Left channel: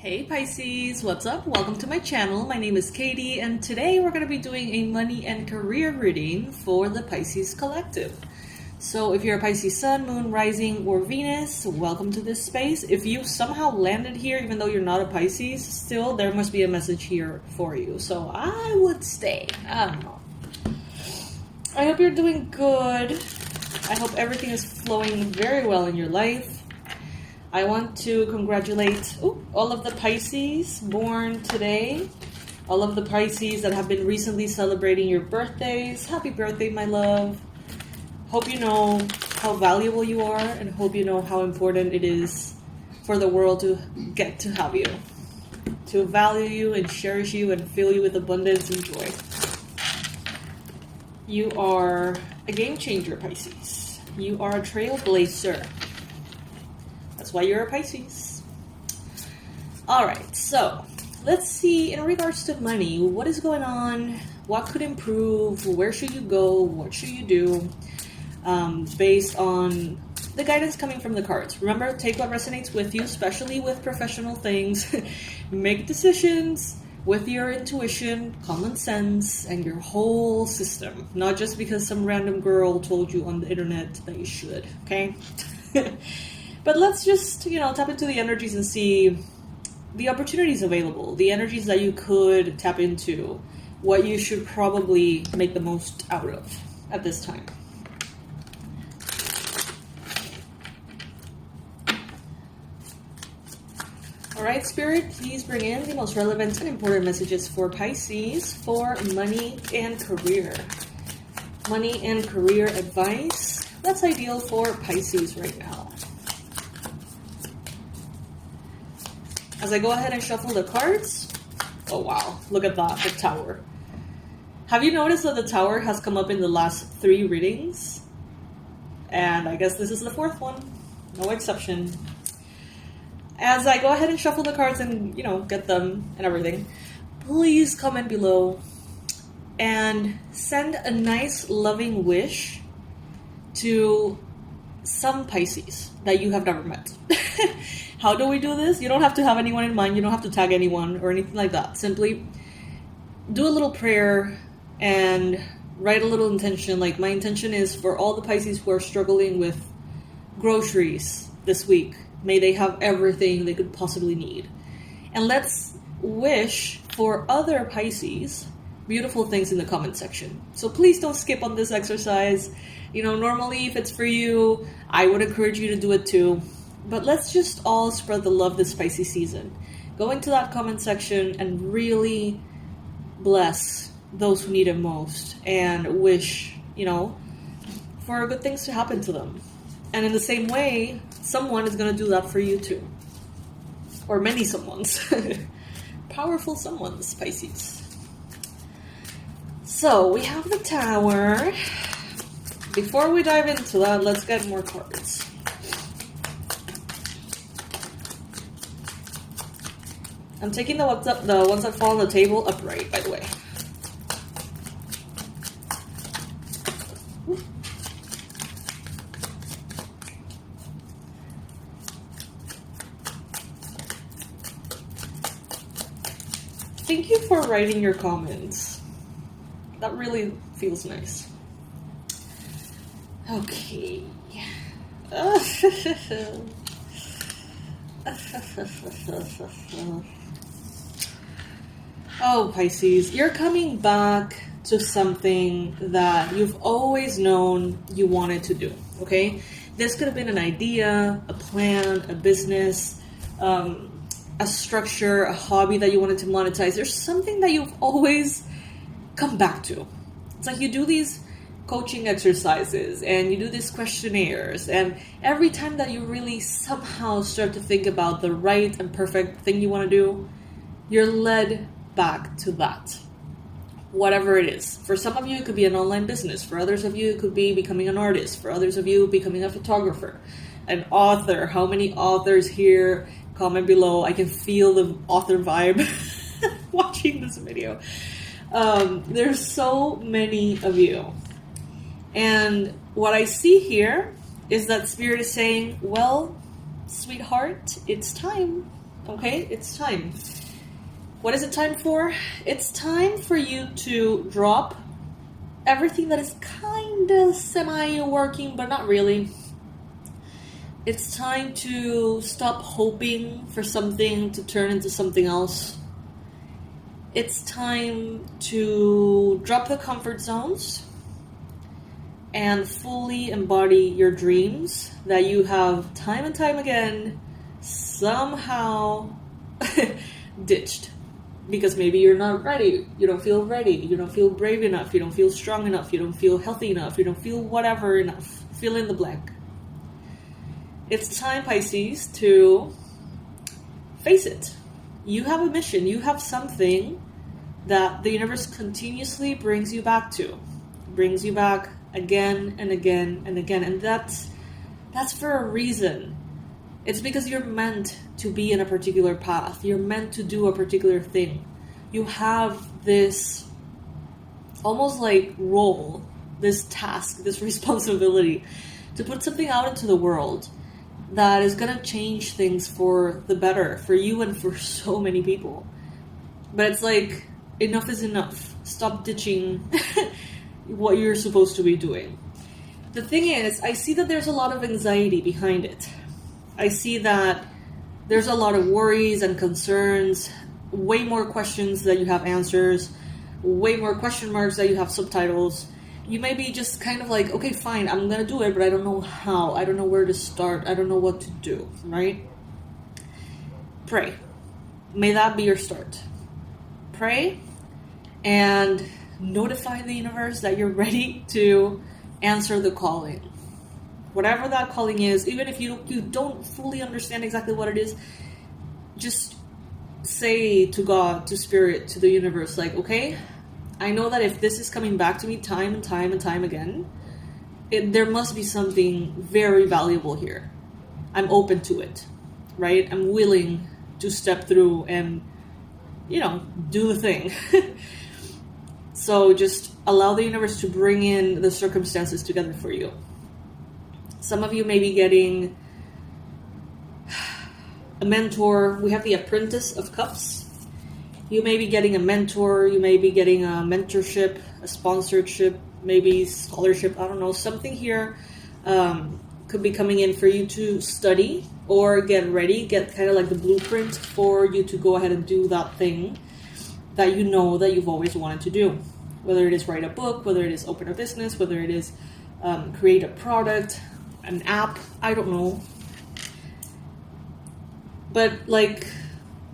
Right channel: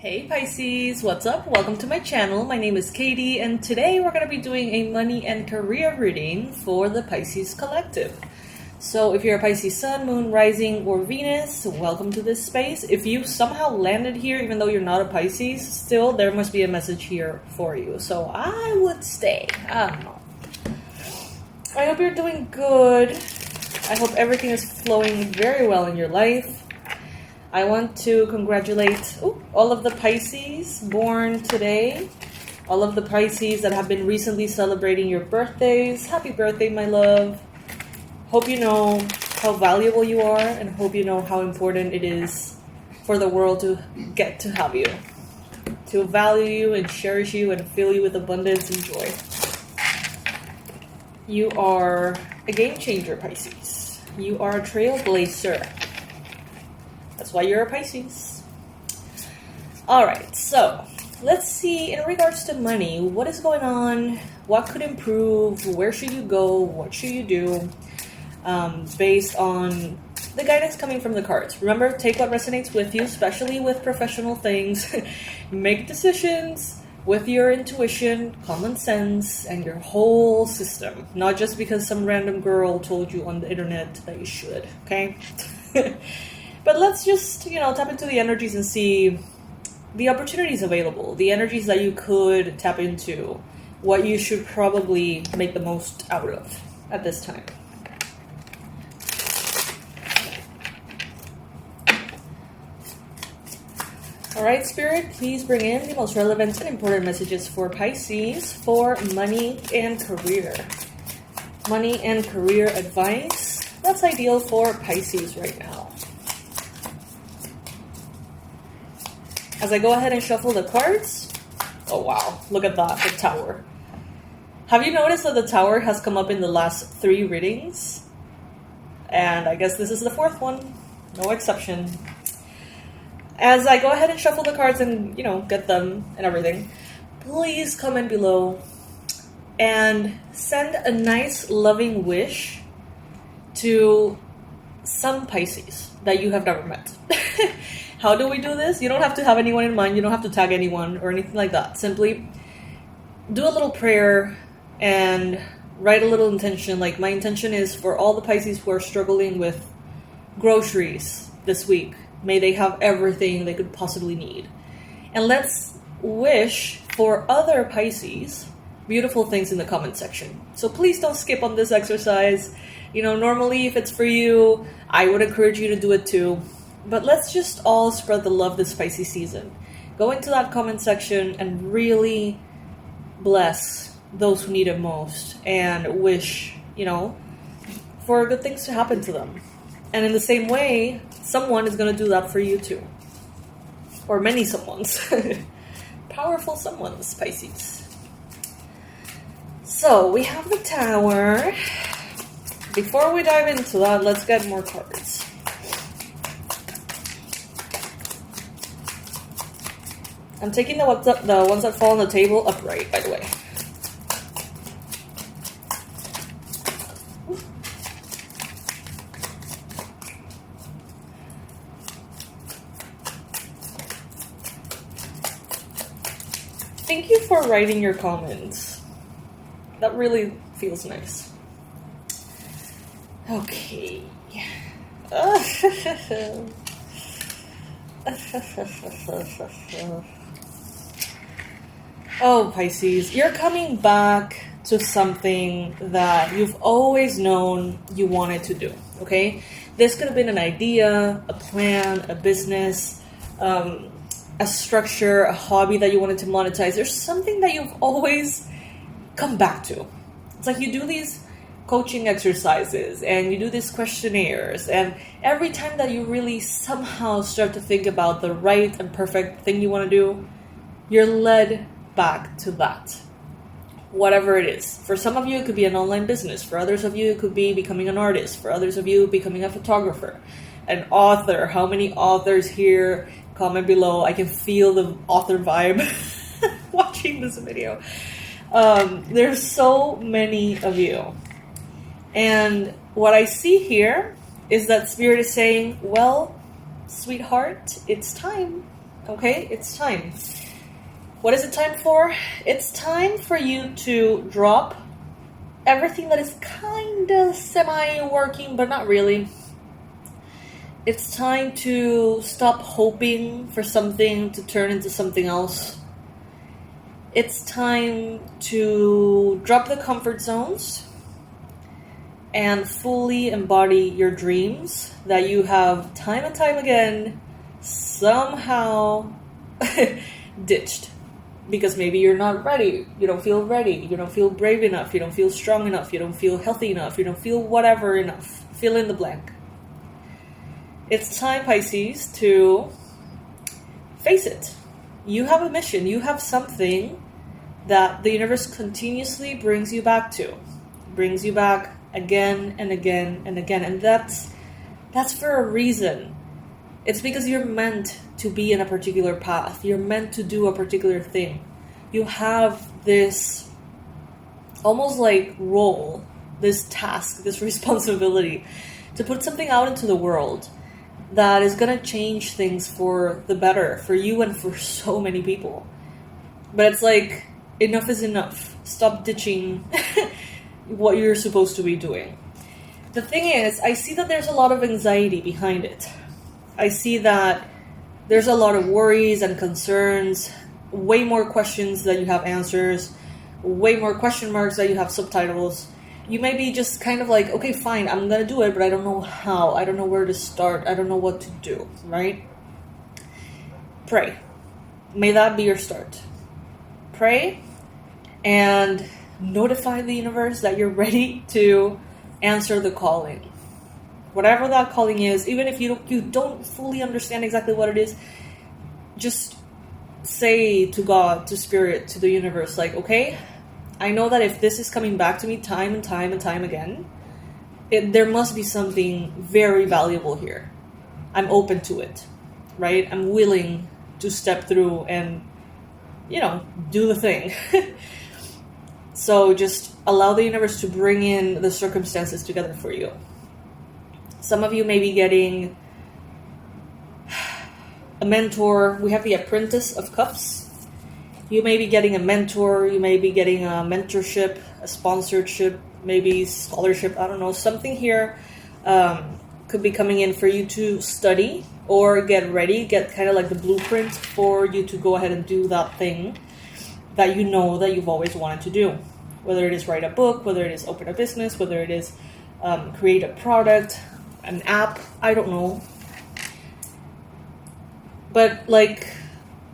Hey Pisces, what's up? Welcome to my channel. My name is Katie and today we're going to be doing a money and career reading for the Pisces collective. So if you're a Pisces Sun, Moon, Rising, or Venus, welcome to this space. If you somehow landed here even though you're not a Pisces, still there must be a message here for you. So I would stay. I don't know. I hope you're doing good. I hope everything is flowing very well in your life. I want to congratulate all of the Pisces born today, all of the Pisces that have been recently celebrating your birthdays. Happy birthday, my love. Hope you know how valuable you are and hope you know how important it is for the world to get to have you, to value you and cherish you and fill you with abundance and joy. You are a game changer, Pisces. You are a trailblazer. That's why you're a Pisces. Alright, so let's see in regards to money, what is going on? What could improve? Where should you go? What should you do? Based on the guidance coming from the cards. Remember, take what resonates with you, especially with professional things. Make decisions with your intuition, common sense, and your whole system. Not just because some random girl told you on the internet that you should, okay? But let's just, tap into the energies and see the opportunities available, the energies that you could tap into, what you should probably make the most out of at this time. All right, Spirit, please bring in the most relevant and important messages for Pisces for money and career. Money and career advice that's ideal for Pisces right now. As I go ahead and shuffle the cards, oh wow, look at that, the Tower. Have you noticed that the Tower has come up in the last 3 readings? And I guess this is the 4th one, no exception. As I go ahead and shuffle the cards and, get them and everything, please comment below and send a nice loving wish to some Pisces that you have never met. How do we do this? You don't have to have anyone in mind. You don't have to tag anyone or anything like that. Simply do a little prayer and write a little intention. Like, my intention is for all the Pisces who are struggling with groceries this week. May they have everything they could possibly need. And let's wish for other Pisces beautiful things in the comment section. So please don't skip on this exercise. Normally if it's for you, I would encourage you to do it too. But let's just all spread the love this Pisces season. Go into that comment section and really bless those who need it most and wish, for good things to happen to them. And in the same way, someone is going to do that for you too. Or many someones. Powerful someones, Pisces. So we have the Tower. Before we dive into that, let's get more cards. I'm taking the ones that fall on the table upright, by the way. Thank you for writing your comments. That really feels nice. Okay. Oh, Pisces, you're coming back to something that you've always known you wanted to do, okay? This could have been an idea, a plan, a business, a structure, a hobby that you wanted to monetize. There's something that you've always come back to. It's like you do these coaching exercises and you do these questionnaires, and every time that you really somehow start to think about the right and perfect thing you want to do, you're led back to that, whatever it is. For some of you, it could be an online business. For others of you, it could be becoming an artist. For others of you, becoming a photographer, an author. How many authors here? Comment below. I can feel the author vibe watching this video. There's so many of you. And what I see here is that Spirit is saying, well, sweetheart, it's time. Okay, it's time. What is it time for? It's time for you to drop everything that is kind of semi-working, but not really. It's time to stop hoping for something to turn into something else. It's time to drop the comfort zones and fully embody your dreams that you have time and time again somehow ditched. Because maybe you're not ready, you don't feel ready, you don't feel brave enough, you don't feel strong enough, you don't feel healthy enough, you don't feel whatever enough. Fill in the blank. It's time, Pisces, to face it. You have a mission, you have something that the universe continuously brings you back to. Brings you back again and again and again. And that's for a reason. It's because you're meant to be in a particular path. You're meant to do a particular thing. You have this almost like role, this task, this responsibility to put something out into the world that is going to change things for the better, for you and for so many people. But it's like, enough is enough. Stop ditching what you're supposed to be doing. The thing is, I see that there's a lot of anxiety behind it. I see that there's a lot of worries and concerns, way more questions than you have answers, way more question marks than you have subtitles. You may be just kind of like, okay, fine, I'm going to do it, but I don't know how. I don't know where to start. I don't know what to do, right? Pray. May that be your start. Pray and notify the universe that you're ready to answer the calling. Whatever that calling is, even if you don't fully understand exactly what it is, just say to God, to Spirit, to the universe, like, okay, I know that if this is coming back to me time and time and time again, there must be something very valuable here. I'm open to it, right? I'm willing to step through and, do the thing. So just allow the universe to bring in the circumstances together for you. Some of you may be getting a mentor. We have the Apprentice of Cups. You may be getting a mentor. You may be getting a mentorship, a sponsorship, maybe scholarship. I don't know. Something here could be coming in for you to study or get ready, get kind of like the blueprint for you to go ahead and do that thing that you know that you've always wanted to do. Whether it is write a book, whether it is open a business, whether it is create a product, an app, I don't know. But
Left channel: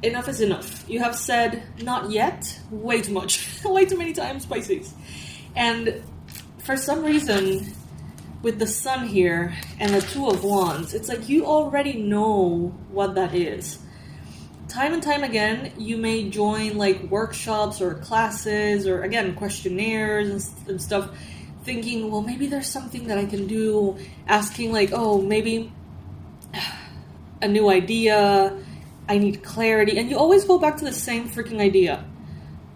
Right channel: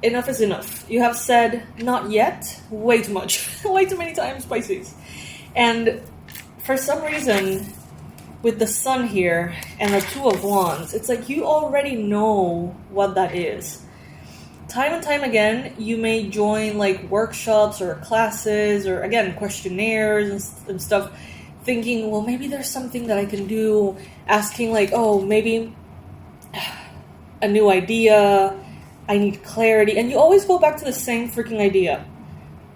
enough is enough. You have said not yet way too much, way too many times, Pisces. And for some reason, with the Sun here and the Two of Wands, it's like you already know what that is. Time and time again, you may join workshops or classes or again questionnaires and stuff, thinking, well, maybe there's something that I can do, asking maybe a new idea, I need clarity, and you always go back to the same freaking idea.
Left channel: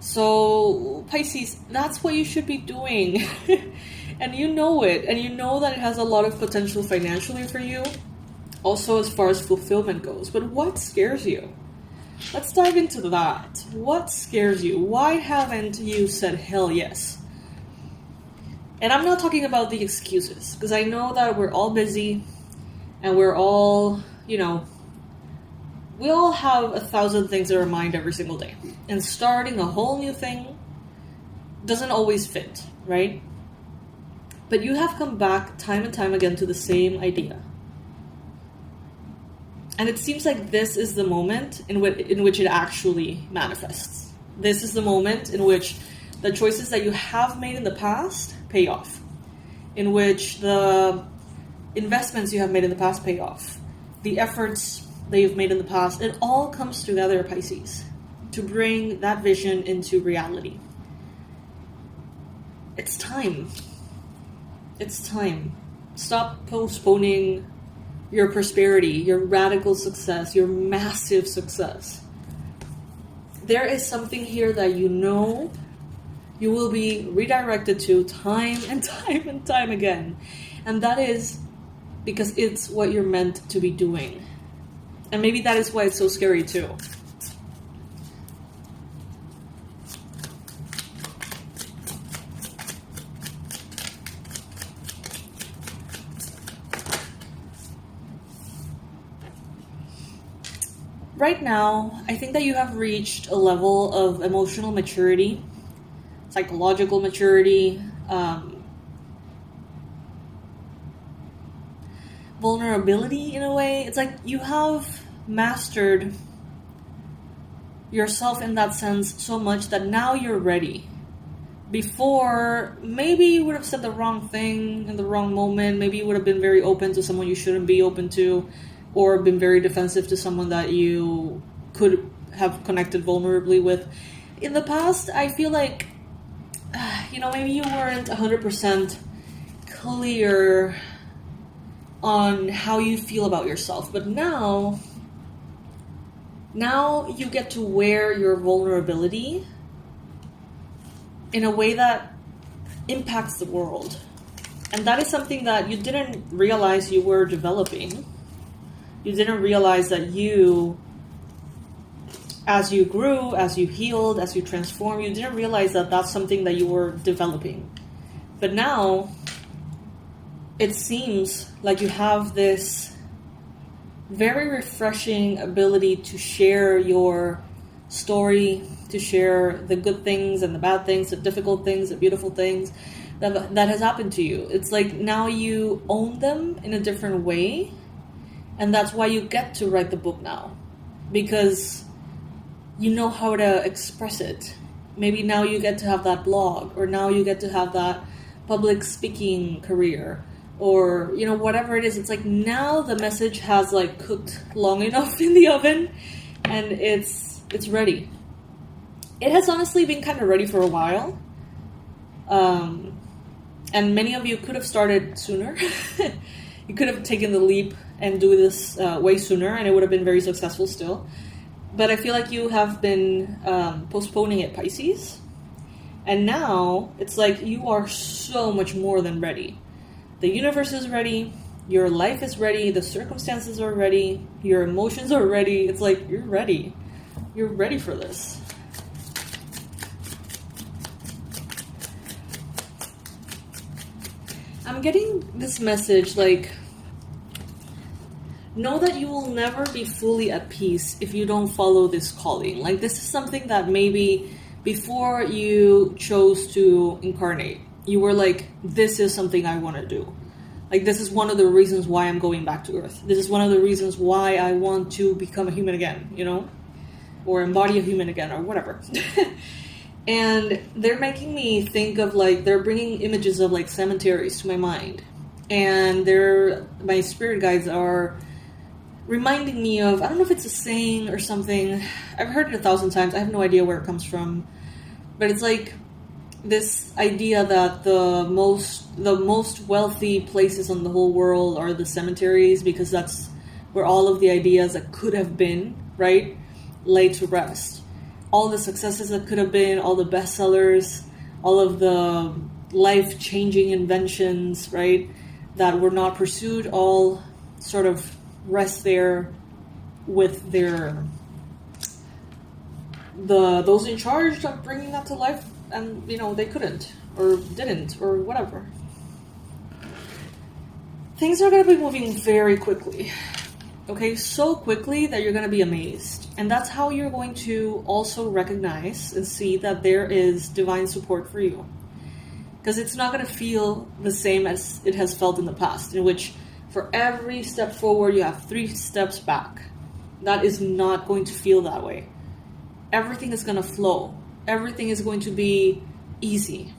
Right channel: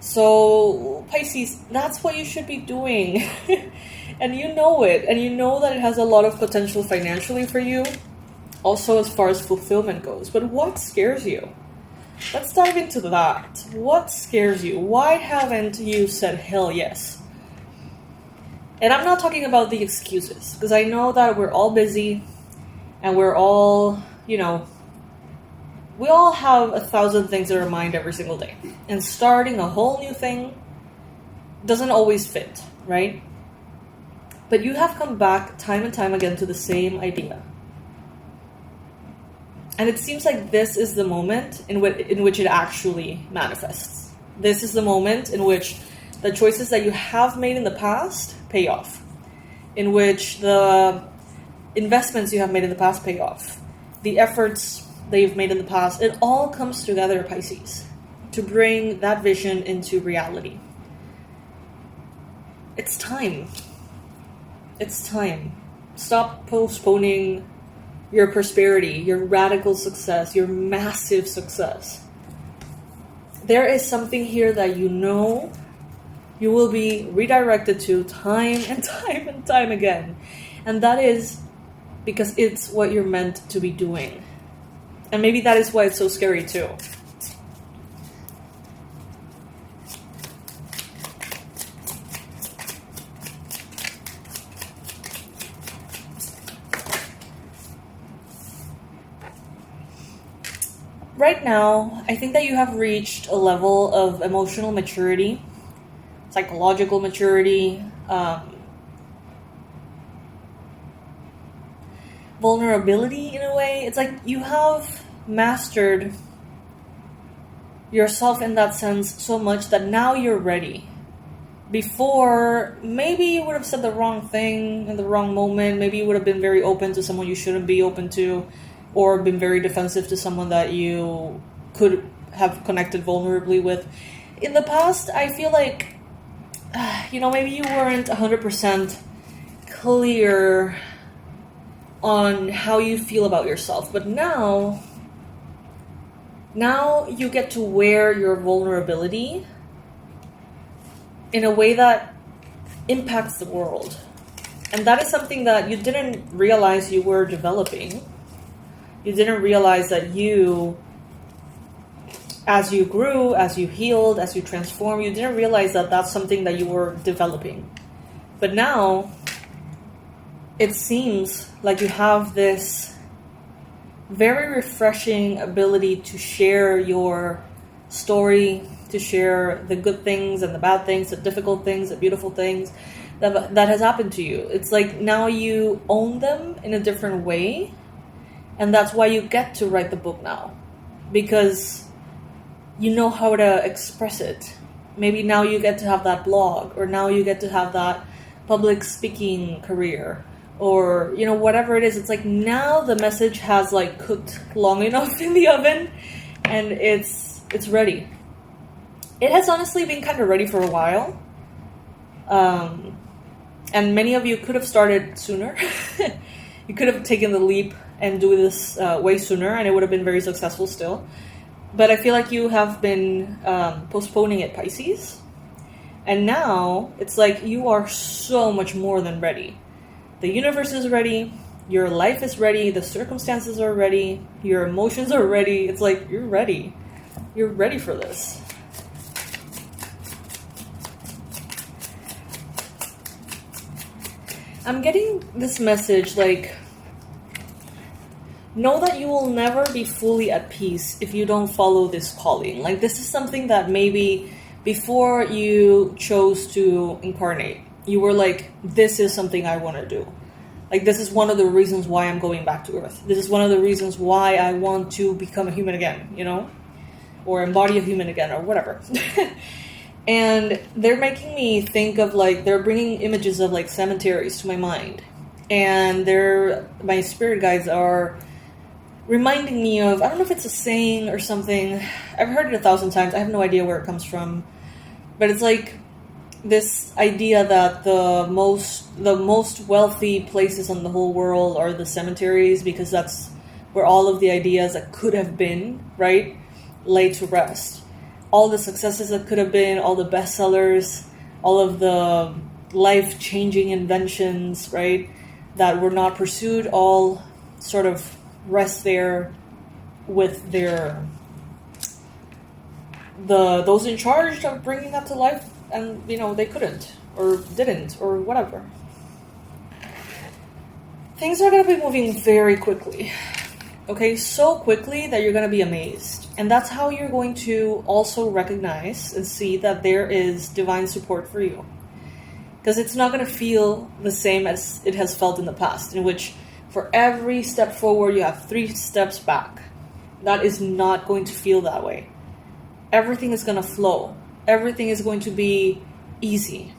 So, Pisces, that's what you should be doing. And you know it, and you know that it has a lot of potential financially for you, also as far as fulfillment goes. But what scares you? Let's dive into that. What scares you? Why haven't you said hell yes? And I'm not talking about the excuses, because I know that we're all busy and we're all, we all have 1,000 things in our mind every single day. And starting a whole new thing doesn't always fit, right? But you have come back time and time again to the same idea. And it seems like this is the moment in which it actually manifests. This is the moment in which the choices that you have made in the past pay off. In which the investments you have made in the past pay off. The efforts that you've made in the past, it all comes together, Pisces, to bring that vision into reality. It's time. It's time. Stop postponing your prosperity, your radical success, your massive success. There is something here that you know you will be redirected to time and time and time again. And that is because it's what you're meant to be doing. And maybe that is why it's so scary too. Right now, I think that you have reached a level of emotional maturity, psychological maturity, vulnerability in a way. It's like you have mastered yourself in that sense so much that now you're ready. Before, maybe you would have said the wrong thing in the wrong moment. Maybe you would have been very open to someone you shouldn't be open to, or been very defensive to someone that you could have connected vulnerably with. In the past, I feel like, maybe you weren't 100% clear on how you feel about yourself. But now you get to wear your vulnerability in a way that impacts the world. And that is something that you didn't realize you were developing. You didn't realize that as you grew, as you healed, as you transformed, you didn't realize that that's something that you were developing. But now, it seems like you have this very refreshing ability to share your story, to share the good things and the bad things, the difficult things, the beautiful things that has happened to you. It's like now you own them in a different way. And that's why you get to write the book now, because you know how to express it. Maybe now you get to have that blog, or now you get to have that public speaking career, or, whatever it is. It's like now the message has like cooked long enough in the oven and it's ready. It has honestly been kind of ready for a while. And many of you could have started sooner. You could have taken the leap and do this way sooner, and it would have been very successful still. But I feel like you have been postponing it, Pisces. And now it's like you are so much more than ready. The universe is ready. Your life is ready. The circumstances are ready. Your emotions are ready. It's like you're ready. You're ready for this. I'm getting this message like, know that you will never be fully at peace if you don't follow this calling. Like, this is something that maybe before you chose to incarnate, you were like, this is something I want to do. Like, this is one of the reasons why I'm going back to Earth. This is one of the reasons why I want to become a human again, or embody a human again, or whatever. And they're making me think of they're bringing images of cemeteries to my mind. And my spirit guides are reminding me of, I don't know if it's a saying or something. I've heard it 1,000 times. I have no idea where it comes from. But it's like this idea that the most wealthy places in the whole world are the cemeteries, because that's where all of the ideas that could have been, right, lay to rest. All the successes that could have been, all the bestsellers, all of the life-changing inventions, right, that were not pursued, all sort of rest there with those in charge of bringing that to life, and they couldn't or didn't or whatever. Things are going to be moving very quickly. Okay, so quickly that you're going to be amazed. And that's how you're going to also recognize and see that there is divine support for you. Because it's not going to feel the same as it has felt in the past, in which for every step forward, you have 3 steps back. That is not going to feel that way. Everything is going to flow. Everything is going to be easy.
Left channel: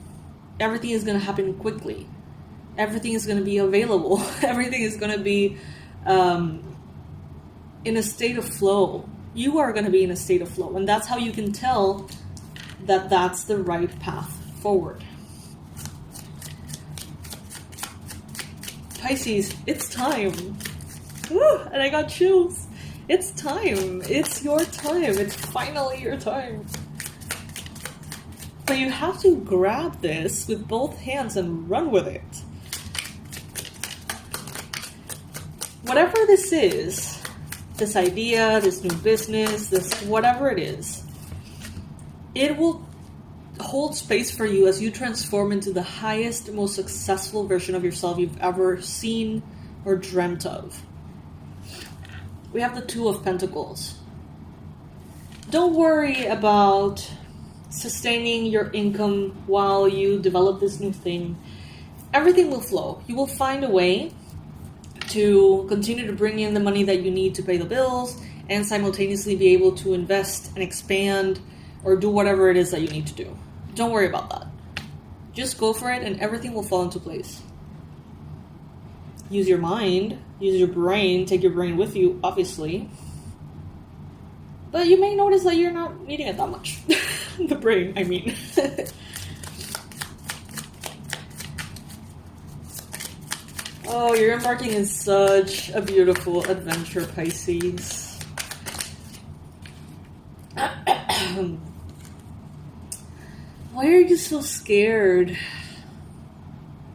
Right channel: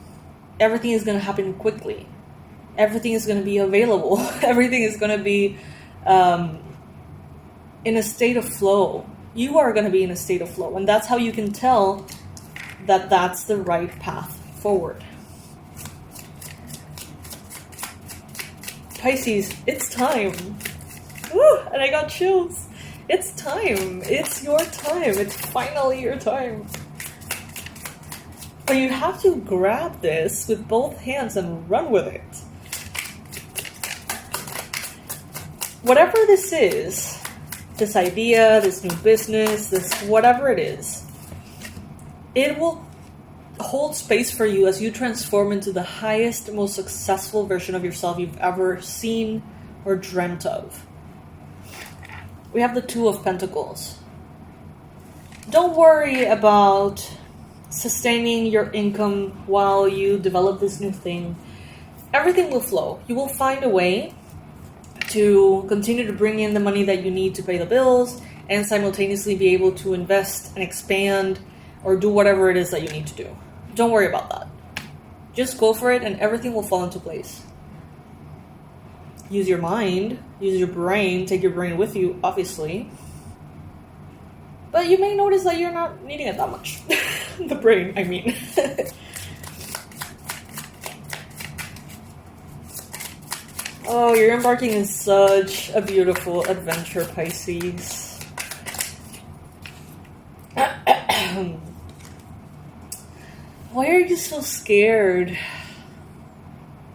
Everything is going to happen quickly. Everything is going to be available. Everything is going to be in a state of flow. You are going to be in a state of flow. And that's how you can tell that that's the right path forward. Pisces, it's time. Woo, and I got chills. It's time. It's your time. It's finally your time. So you have to grab this with both hands and run with it. Whatever this is, this idea, this new business, this whatever it is, it will hold space for you as you transform into the highest, most successful version of yourself you've ever seen or dreamt of. We have the Two of Pentacles. Don't worry about sustaining your income while you develop this new thing. Everything will flow. You will find a way to continue to bring in the money that you need to pay the bills and simultaneously be able to invest and expand or do whatever it is that you need to do. Don't worry about that. Just go for it and everything will fall into place. Use your mind, use your brain, take your brain with you, obviously. But you may notice that you're not needing it that much. The brain, I mean. Oh, you're embarking in such a beautiful adventure, Pisces. Why are you so scared?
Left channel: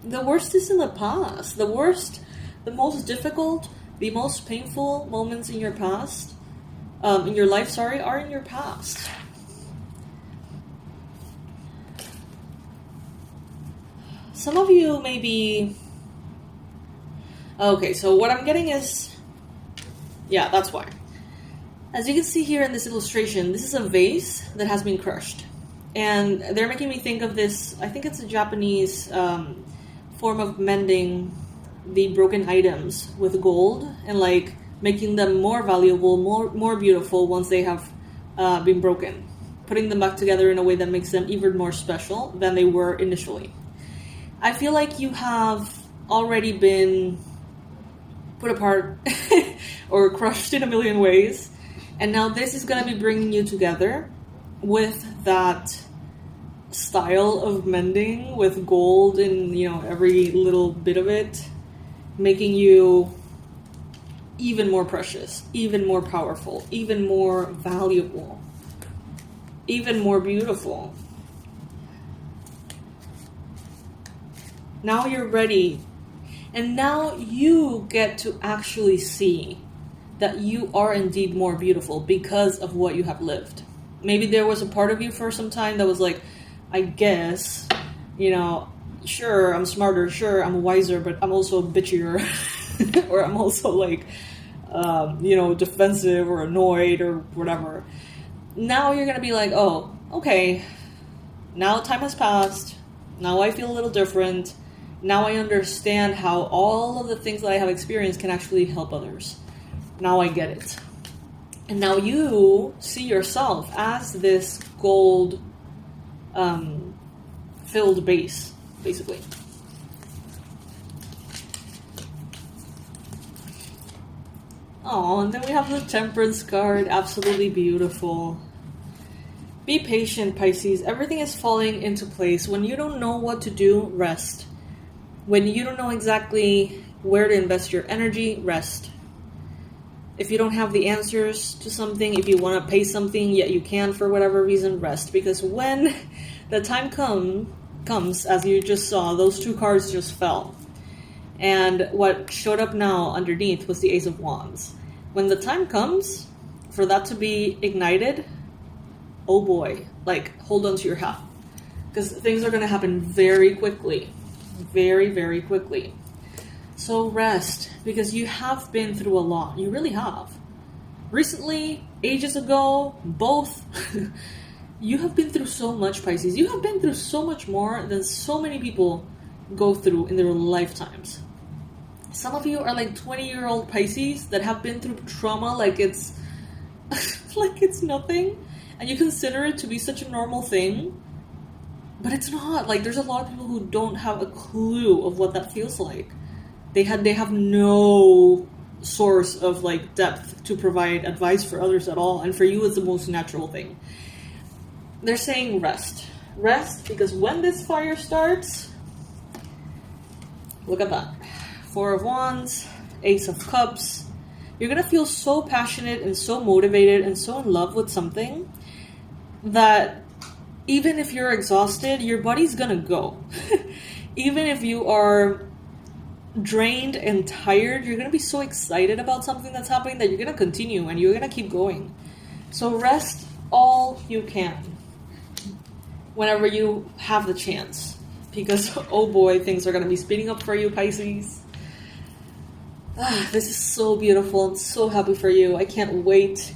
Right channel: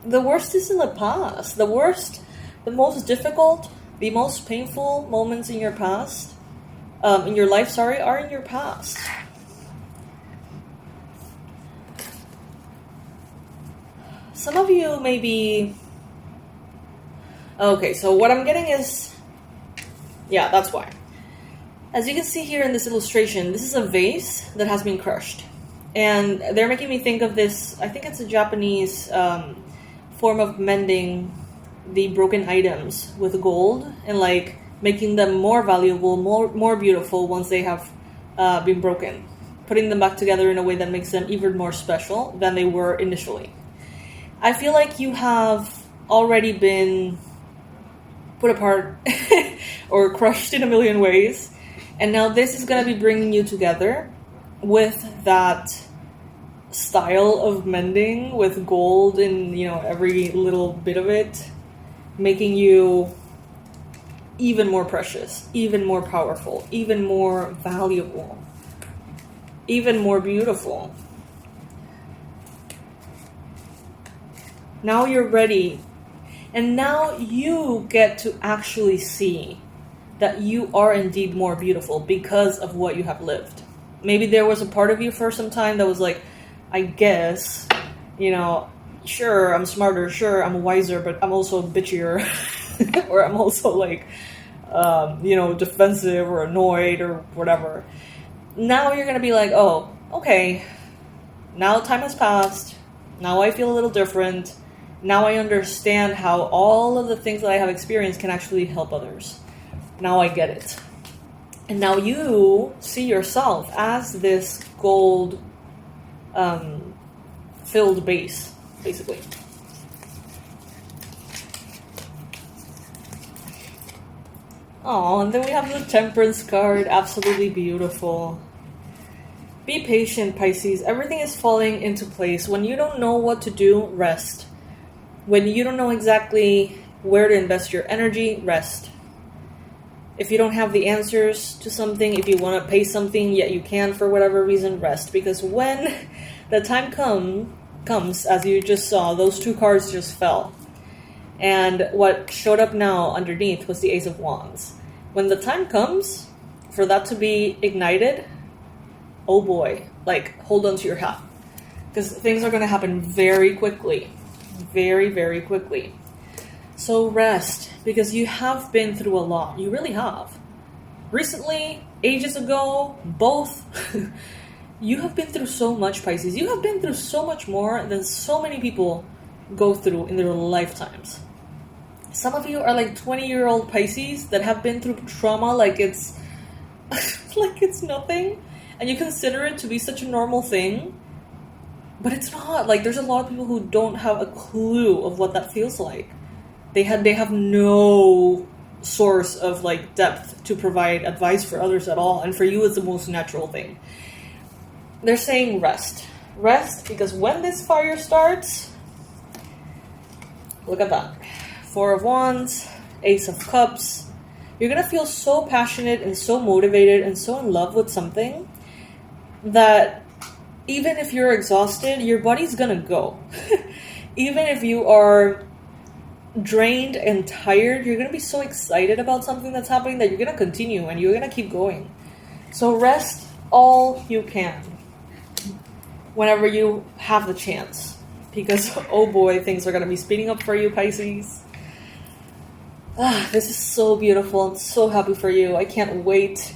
The worst is in the past. The worst, the most difficult, the most painful moments in your past, in your life, are in your past. Some of you may be... Okay, so what I'm getting is... Yeah, that's why. As you can see here in this illustration, this is a vase that has been crushed. And they're making me think of this, I think it's a Japanese form of mending the broken items with gold and like making them more valuable, more beautiful once they have been broken. Putting them back together in a way that makes them even more special than they were initially. I feel like you have already been put apart or crushed in a million ways. And now this is going to be bringing you together with that style of mending with gold in, you know, every little bit of it, making you even more precious, even more powerful, even more valuable, even more beautiful. Now you're ready. And now you get to actually see that you are indeed more beautiful because of what you have lived. Maybe there was a part of you for some time that was like, I guess, you know, sure, I'm smarter, sure, I'm wiser, but I'm also bitchier. Or I'm also like, you know, defensive or annoyed or whatever. Now you're going to be like, oh, okay, now time has passed. Now I feel a little different. Now I understand how all of the things that I have experienced can actually help others. Now I get it. And now you see yourself as this gold filled base, basically. Oh, and then we have the Temperance card. Absolutely beautiful. Be patient, Pisces. Everything is falling into place. When you don't know what to do, rest. When you don't know exactly where to invest your energy, rest. If you don't have the answers to something, if you want to pay something, yet you can for whatever reason, rest. Because when the time comes, as you just saw, those two cards just fell. And what showed up now underneath was the Ace of Wands. When the time comes for that to be ignited, oh boy, like hold on to your hat. Because things are going to happen very quickly. Very, very quickly. So rest, because you have been through a lot. You really have. Recently, ages ago, both. You have been through so much, Pisces. You have been through so much more than so many people go through in their lifetimes. Some of you are like 20-year-old Pisces that have been through trauma like it's like it's nothing, and you consider it to be such a normal thing, but it's not. Like, there's a lot of people who don't have a clue of what that feels like. They have no source of like depth to provide advice for others at all, and for you it's the most natural thing. They're saying rest. Rest, because when this fire starts, look at that. Four of Wands, Ace of Cups. You're going to feel so passionate and so motivated and so in love with something that even if you're exhausted, your body's going to go. Even if you are drained and tired, you're going to be so excited about something that's happening that you're going to continue and you're going to keep going. So rest all you can whenever you have the chance. Because, oh boy, things are going to be speeding up for you, Pisces. This is so beautiful. I'm so happy for you. I can't wait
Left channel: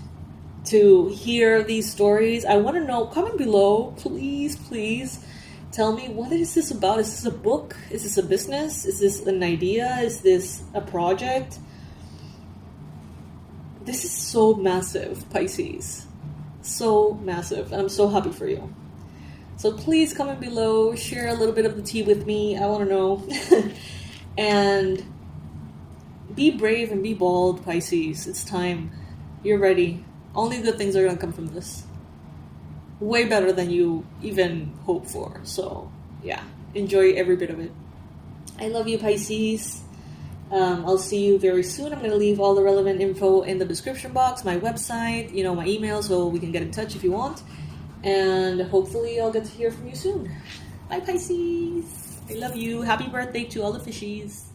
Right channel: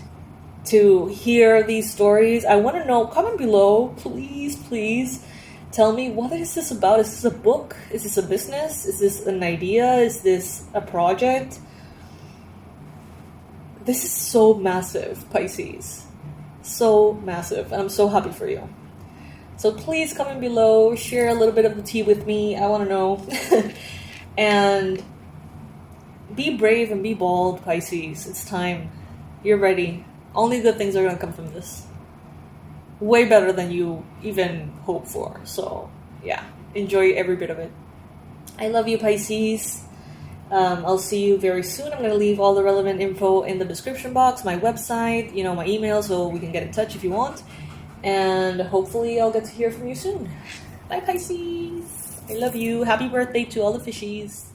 to hear these stories. I want to know, comment below, please, please. Tell me, what is this about? Is this a book? Is this a business? Is this an idea? Is this a project? This is so massive, Pisces. So massive. And I'm so happy for you. So please comment below. Share a little bit of the tea with me. I want to know. And be brave and be bold, Pisces. It's time. You're ready. Only good things are going to come from this. Way better than you even hope for. So, yeah. Enjoy every bit of it. I love you, Pisces. I'll see you very soon. I'm going to leave all the relevant info in the description box, my website, my email, so we can get in touch if you want. And hopefully I'll get to hear from you soon. Bye, Pisces. I love you. Happy birthday to all the fishies.